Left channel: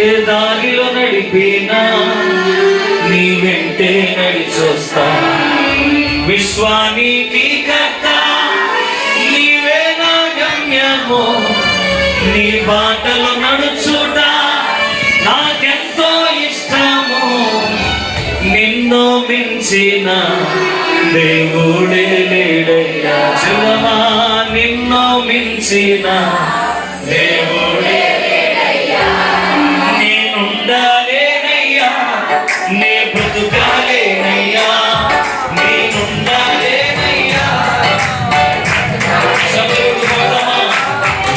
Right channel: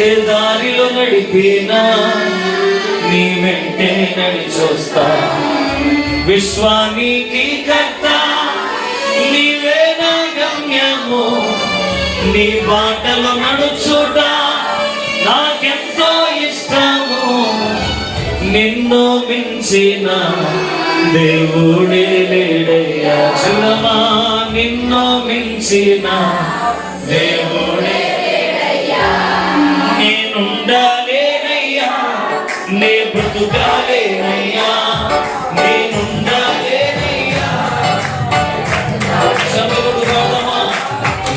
ఏ దారిలో నడిపినా నీ వెంటే నడిచొస్తా. విశ్వానికి కర్త నీవే నా గమ్యము, నీ బాటలో నడుచుట నాకెంతో ఇష్టము. నిన్ను మించిన దేవుడే లేడయ్యా చిన్నమా, నిన్ను మించిన దేవుడే లేడయ్యా. నేనుండాలేనయ్యా, నే బ్రతుకాలేనయ్యా, నేనుండాలేనయ్యా. చదువు గోడమా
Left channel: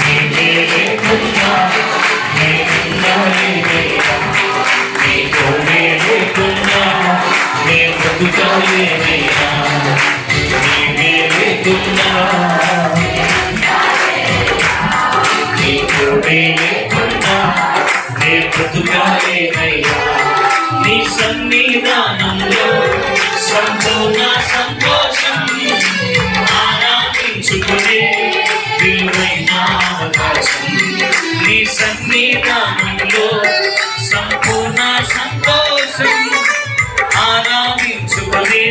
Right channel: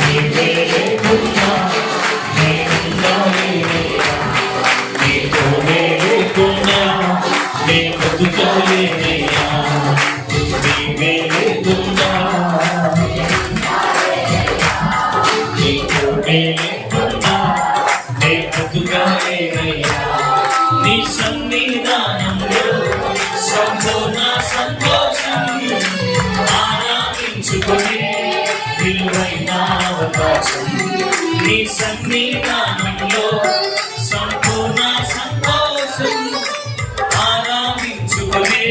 నీవే లేకున్నా నేనుండాలేనయ్యా, నీతో లేకున్నా నే బ్రతుకాలేనయ్యా, నీవే లేకున్నా నీతో లేకున్నా నే బ్రతుకాలేనయ్యా. నీ సన్నిధానంలో సంపూర్ణ సంతోషం, ఆరాధించుకునే విలువైన అవకాశం. నీ సన్నిధానంలో సంపూర్ణ సంతోషం, ఆరాధించుకునే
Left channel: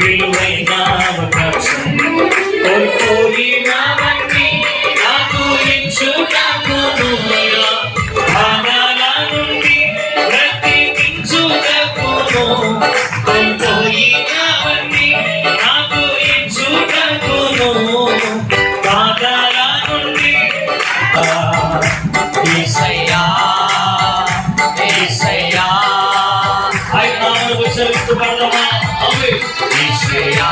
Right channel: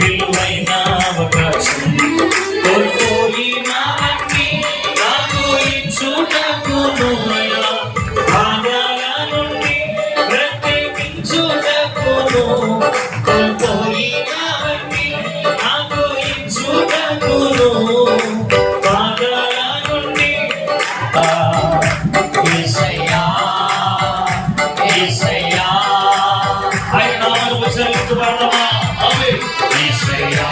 విలువైన అవకాశం. కోల్పోయినవన్నీ నాకు ఇచ్చుటకును అయ్యా, భాగాల నుండి బ్రతికించుటకును. కోల్పోయినవన్నీ నాకు ఇచ్చుటకును, భాగాల నుండి. యేసయ్యా యేసయ్యా ఆయన నామమును ఉచ్చరించుకుందామా? ఆమేన్. యేసయ్యా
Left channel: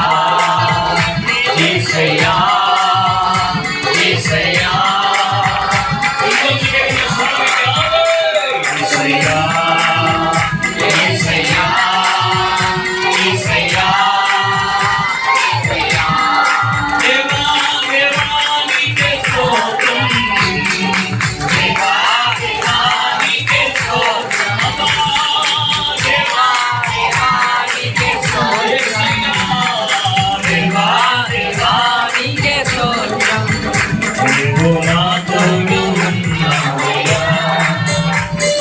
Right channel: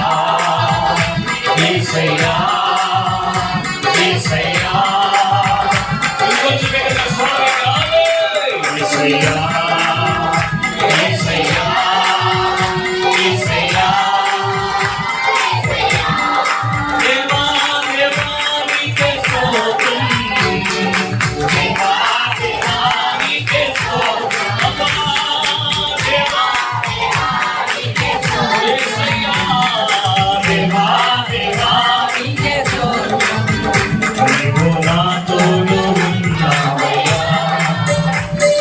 యేసయ్యా యేసయ్యా యేసయ్యా యేసయ్యా యేసయ్యా దేవా దేవా నీకే స్తోత్రం, దేవా దేవా నీకే స్తోత్రం, దేవా దేవా నీకే స్తోత్రం, దేవా దేవా నీకే స్తోత్రం. నీవు నాతో ఉన్నావయ్యా,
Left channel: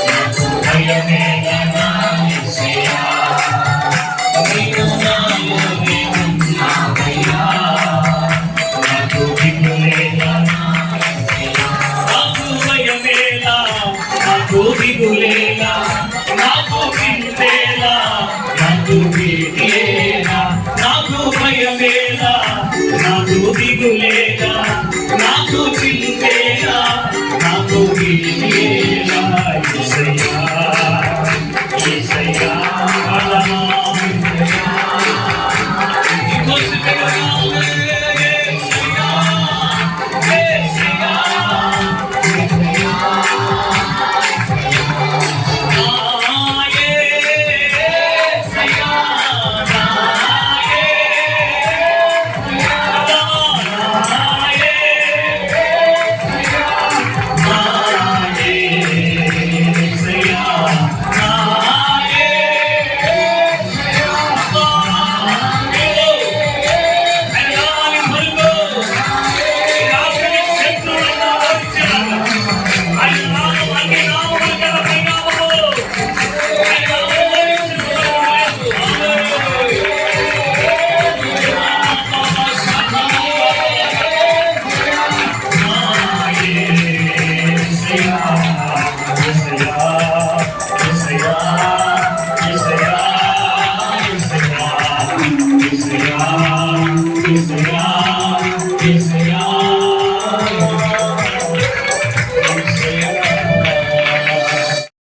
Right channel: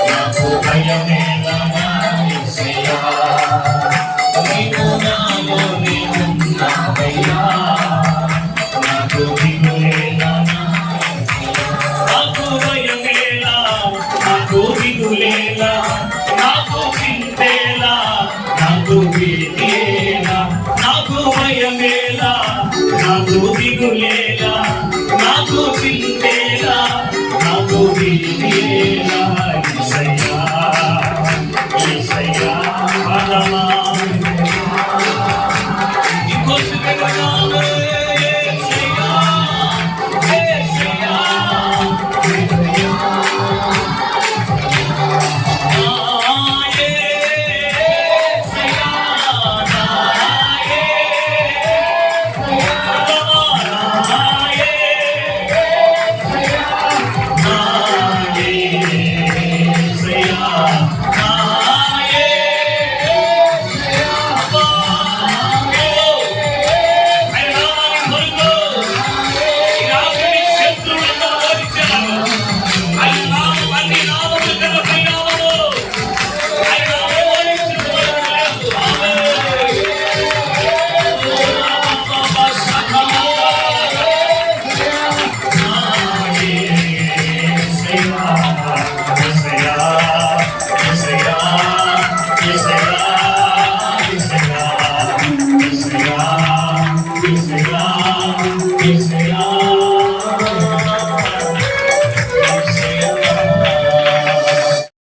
నాకు భయమేలా నా యేసయ్యా. నీవు నాలో ఉన్నావయ్యా, నాకు దిగులేలా నా యేసయ్యా. నాకు భయమేలా, నాకు దిగులేలా, నాకు చింతేలా, నాకు భీతియేలా. నాకు భయమేలా, నాకు దిగులేలా, నాకు చింతేలా, నాకు భీతియేలా. యేసయ్యా యేసయ్యా Yes,